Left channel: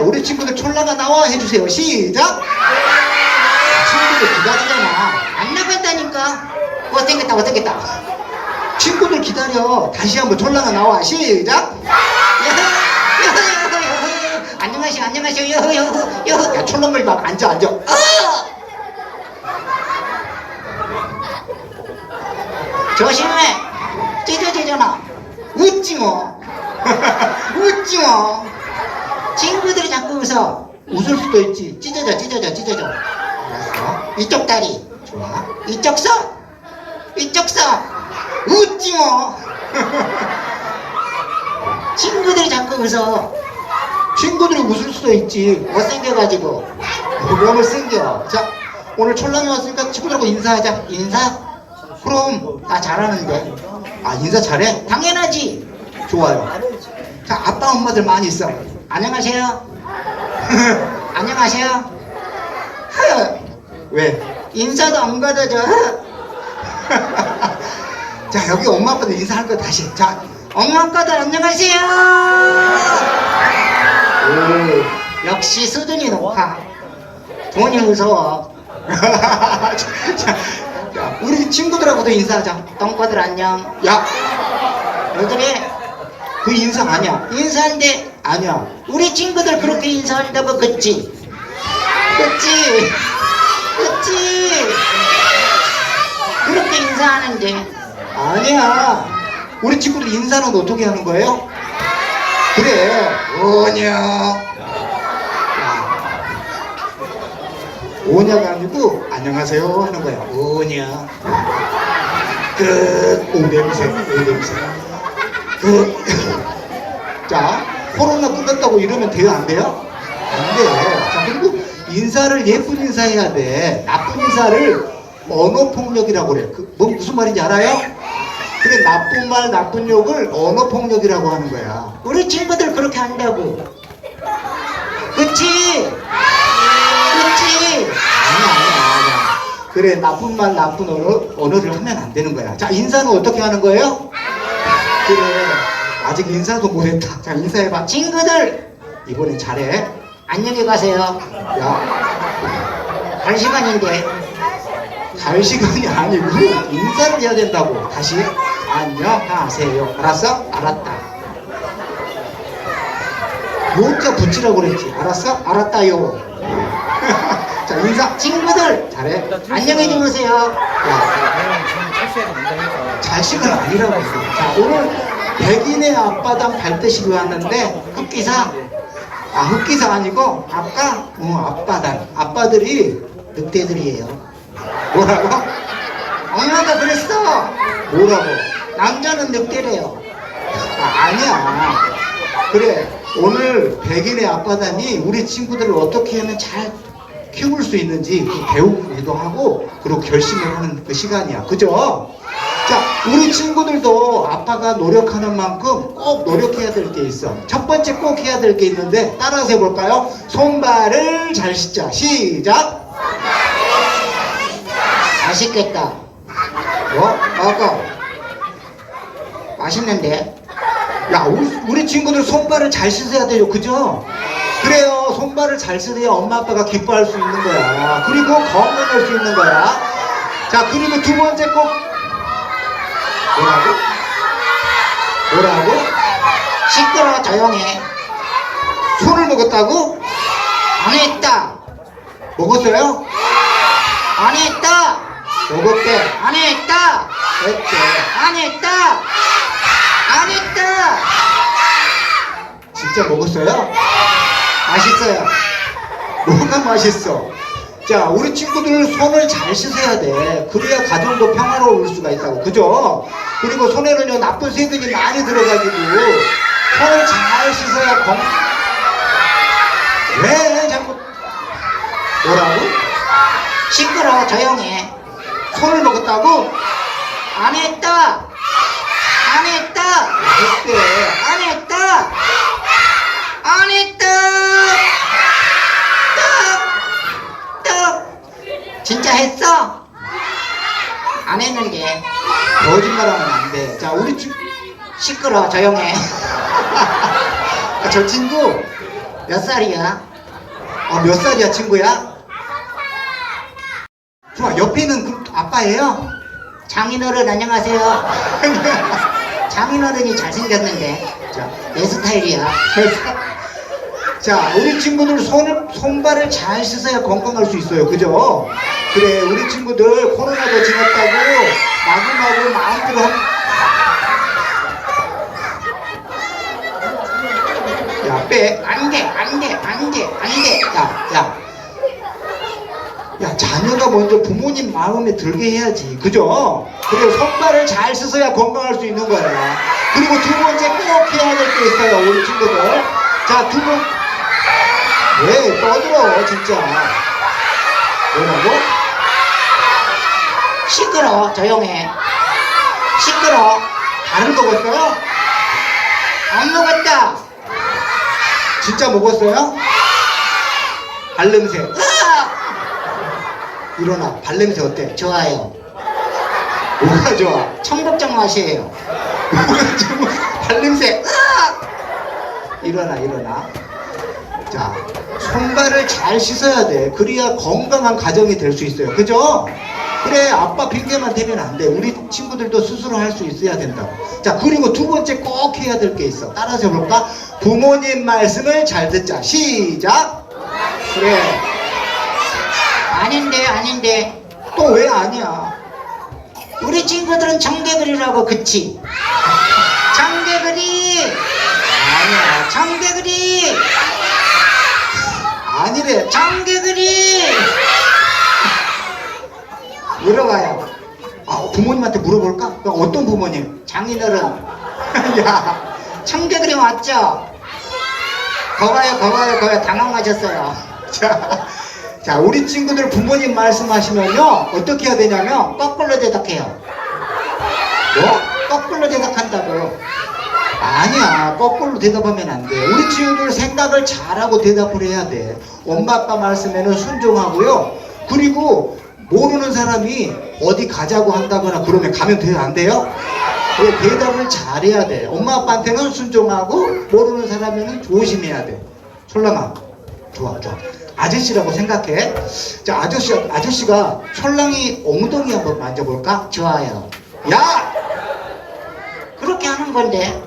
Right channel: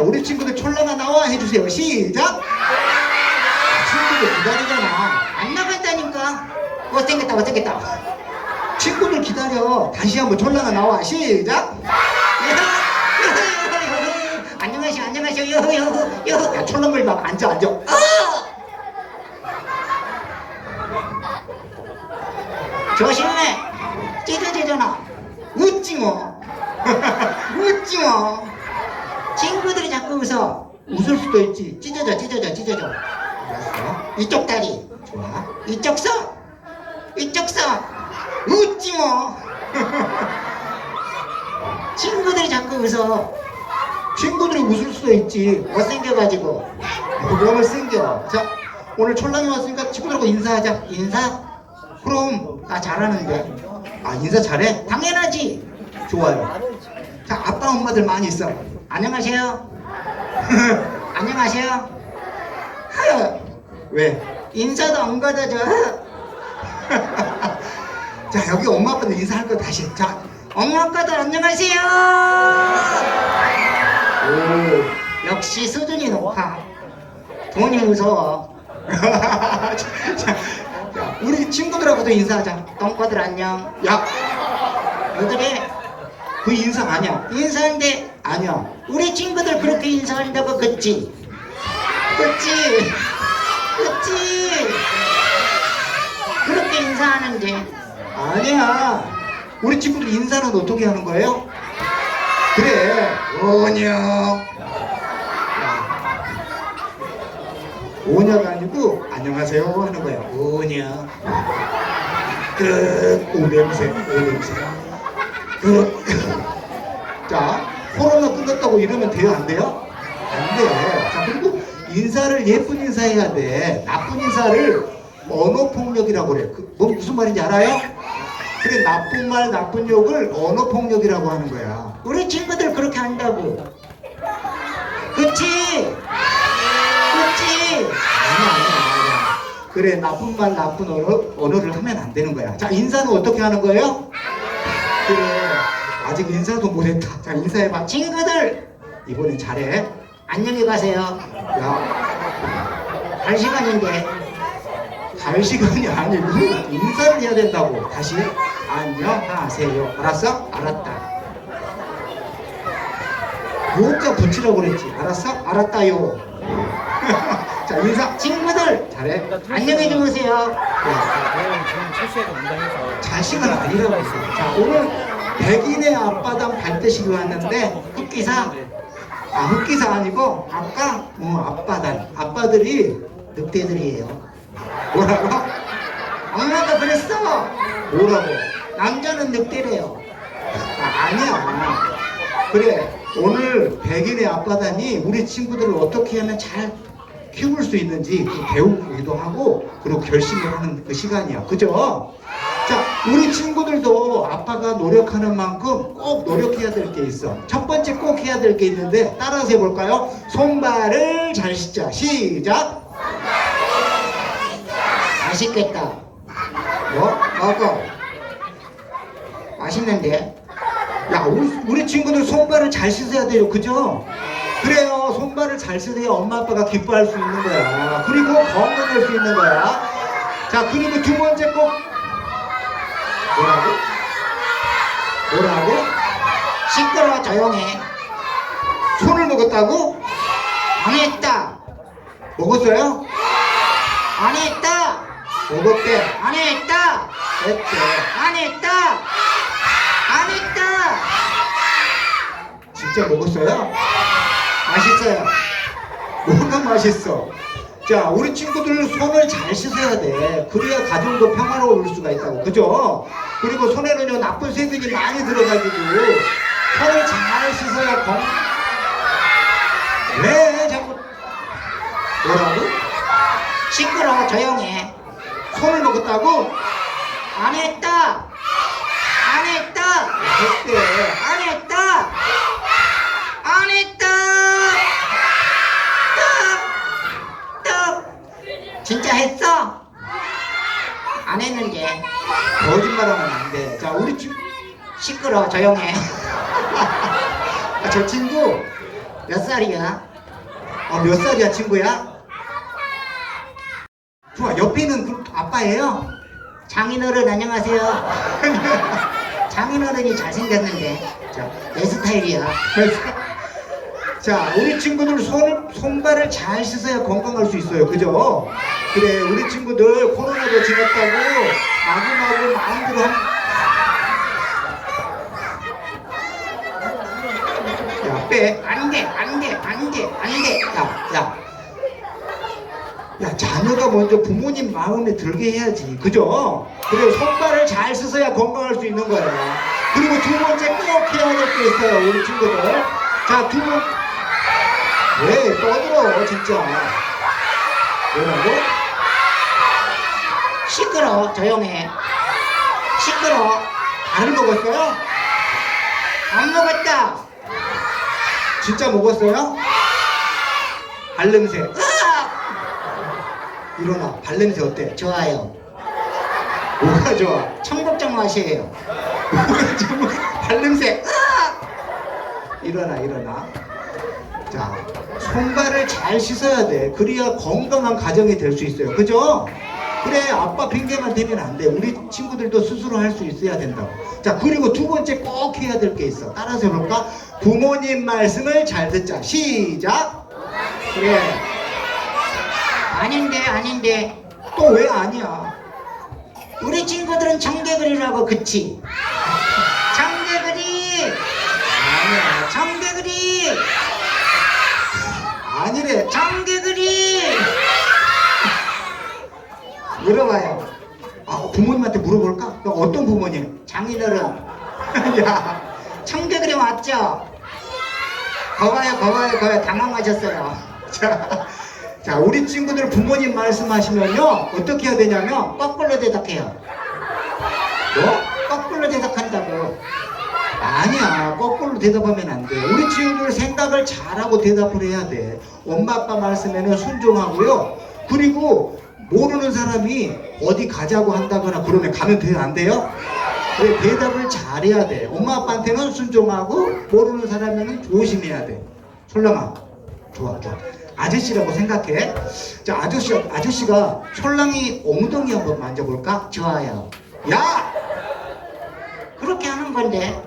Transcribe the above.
우리 친구들 촐라가 나와 해주세요. 시작. 친구들 기다리잖아. 안 나간다니까. 못생겼다, 못생겼다. 친구들 기다려. 다시 한번 촐라가 나와. 시작. 안녕하세요, 안녕하세요. 여호, 여호. 야, 촐라물 막 앉아, 앉아. 어! 조심해. 찢어지잖아. 웃지 뭐. 웃지 뭐. 친구들이 자꾸 웃어. 웃을 수도 있지. 찢어져, 찢어져, 찢어져. 알았어. 이쪽 다리. 좋아. 이쪽 손. 이쪽 손. 웃지 뭐. 친구들이 자꾸 웃어. 친구들이 웃을 수도 있지. 못생겨가지고. 그러면 생겨. 자, 오늘 촐랑이 왔으니까 친구들하고 인사하자. 인사? 그럼 나 잘하는데. 아, 인사 잘해? 당연하지. 좋아요. 엄마들 많이 있어. 안녕하세요. 안녕하세요. 허. 왜? 인사도 안 받아줘. 자, 여기 엄마 아빠들 인사할 거 다시. 자, 엄마 아빠들 안녕하세요. 오, 역시 수준이 높아. 돈이 무서워. 자, 우리 친구들하고도 인사하자. 똥꼬들 안녕. 야, 왜 그래? 그 인사 아니야. 인사인데 아니야. 우리 친구들 그렇게 인사한다고 그치? 그치? 그치? 그렇게 인사하는데 아니야. 우리 친구들 인사는 어떻게 하는 거예요? 그래. 안녕. 오냐가 아니고 안녕하세요 하는 거야. 오냐. 끝. 오 냄새. 오 냄새. 끝. 끝났다고 이러면 돼요? 안 돼요? 안 돼. 자, 그리고 인사를 예쁜 인사해야 돼. 나쁜 인사를 언어폭력이라고 그래. 그, 뭐 무슨 말인지 알아요? 그래, 나쁜 말, 나쁜 욕을 언어폭력이라고 하는 거야. 우리 친구들 그렇게 한다고. 그치? 그치? 아니야, 아니야, 아니야. 그래, 나쁜 말, 나쁜 언어, 언어를 하면 안 되는 거야. 자, 인사는 어떻게 하는 거예요? 그래, 아직 인사도 못했다. 자, 인사해봐. 친구들! 이번엔 잘해. 안녕히 가세요. 야, 갈 시간인데. 갈 시간이 아니고, 인사를 해야 된다고. 다시. 안녕하세요. 알았어? 알았다. 요자 붙이라고 그랬지. 알았어? 알았다요. 자, 인사. 친구들! 잘해. 안녕히 주무세요. 야, 철수해서 운동해서 자식은 아니라고. 자, 오늘 백인의 앞바당 발대식이 왔는데, 흑기사. 아, 흑기사 아니고, 아까, 어, 앞바당. 아빠들이 늑대들이에요. 뭐라고? 엄마가 그랬어. 뭐라고? 남자는 늑대래요. 아, 아니야. 그래. 오늘 백인의 앞바다니 우리 친구들을 어떻게 하면 잘 키울 수 있는지 배우기도 하고 그리고 결심을 하는 그 시간이야. 그죠? 자, 우리 친구들도 아빠가 노력하는 만큼 꼭 노력해야 될 게 있어. 첫 번째 꼭 해야 될 게 있는데 따라서 해볼까요? 손발을 잘 씻자. 시작. 맛있겠다. 뭐? 먹어. 맛있는데? 야, 우리, 우리 친구들 손발을 잘 씻어야 돼요. 그죠? 그래요. 손발을 잘 씻어야 엄마 아빠가 기뻐할 수 있는 거야. 그리고 건강할 수 있는 거야. 자, 그리고 두 번째 꼭 뭐라고? 뭐라고? 시끄러워 조용해. 손을 먹었다고? 안 했다. 먹었어요? 안 했다. 먹었대. 안 했다. 했대. 안 했다. 안 했다. 진짜 먹었어요? 맛있어요. 뭐가 맛있어? 자, 우리 친구들 손을 잘 씻어야 돼. 그래야 가정도 평화로울 수가 있다고. 그죠? 그리고 손에는요, 나쁜 새들이 많이 들어가지고, 손을 잘 씻어야 건, 왜 자꾸, 뭐라고? 시끄러워, 조용해. 손을 먹었다고? 안 했다! 안 했다! 했대. 안 했다! 안 했다! 또! 또! 진짜 했어? 안 했는데. 거짓말하면 안 돼. 자, 우리 친 시끄러, 조용해. 아, 저 친구, 몇 살이야? 어, 몇 살이야, 친구야? 좋아, 옆에는 그 아빠예요? 장인어른 안녕하세요. 장인어른이 잘생겼는데 자, 내 스타일이야. 자, 우리 친구들 손을, 손발을 잘 씻어야 건강할 수 있어요. 그죠? 그래, 우리 친구들 코로나도 지났다고 마구마구 마음대로 한... 야, 빼. 안 돼, 안 돼, 안 돼, 안 돼. 야, 야. 야, 자녀가 먼저 부모님 마음에 들게 해야지. 그죠? 그리고 손발을 잘 씻어야 건강할 수 있는 거야. 그리고 두 번째 꼭 해야 될 게 있어요, 우리 친구들. 자, 두 번. 왜 떠들어, 진짜. 뭐라고? 시끄러, 조용해. 시끄러. 다른 먹었어요? 안 먹었다. 진짜 먹었어요? 발냄새. 일어나. 발냄새 어때? 좋아요. 뭐가 좋아? 청국장 맛이에요. 발냄새. 일어나 일어나. 자, 손발을 잘 씻어야 돼. 그래야 건강한 가정이 될 수 있어요. 그죠? 그래, 아빠 핑계만 대면 안 돼. 우리 친구들도 스스로 할 수 있어야 된다고. 자, 그리고 두 번째 꼭 해야 될 게 있어. 따라서 해볼까? 부모님 말씀을 잘 듣자. 시작. 그래. 아닌데, 아닌데. 또 왜 아니야? 우리 친구들은 청개구리라고 그치? 청개구리! 아니야. 청개구리! 아니래. 청개구리! 물어봐요. 아, 부모님한테 물어볼까? 어떤 부모님? 장인어른, 야, 청개구리 맞죠? 거봐요, 거봐요, 거봐요. 당황하셨어요. 자, 자, 우리 친구들 부모님 말씀하시면요, 어떻게 해야 되냐면, 거꾸로 대답해요. 뭐? 거꾸로 대답한다고. 아니야, 거꾸로 대답하면 안 돼. 우리 친구들 생각을 잘하고 대답을 해야 돼. 엄마, 아빠 말씀에는 순종하고요. 그리고 모르는 사람이 어디 가자고 한다거나 그러면 가면 돼요, 안 돼요? 그래, 대답을 잘해야 돼. 엄마, 아빠한테는 순종하고, 모르는 사람에는 조심해야 돼. 솔랑아, 좋아, 좋아. 아저씨라고 생각해. 자, 아저씨, 아저씨가 솔랑이 엉덩이 한번 만져볼까? 좋아요. 야! 그렇게 하는 건데.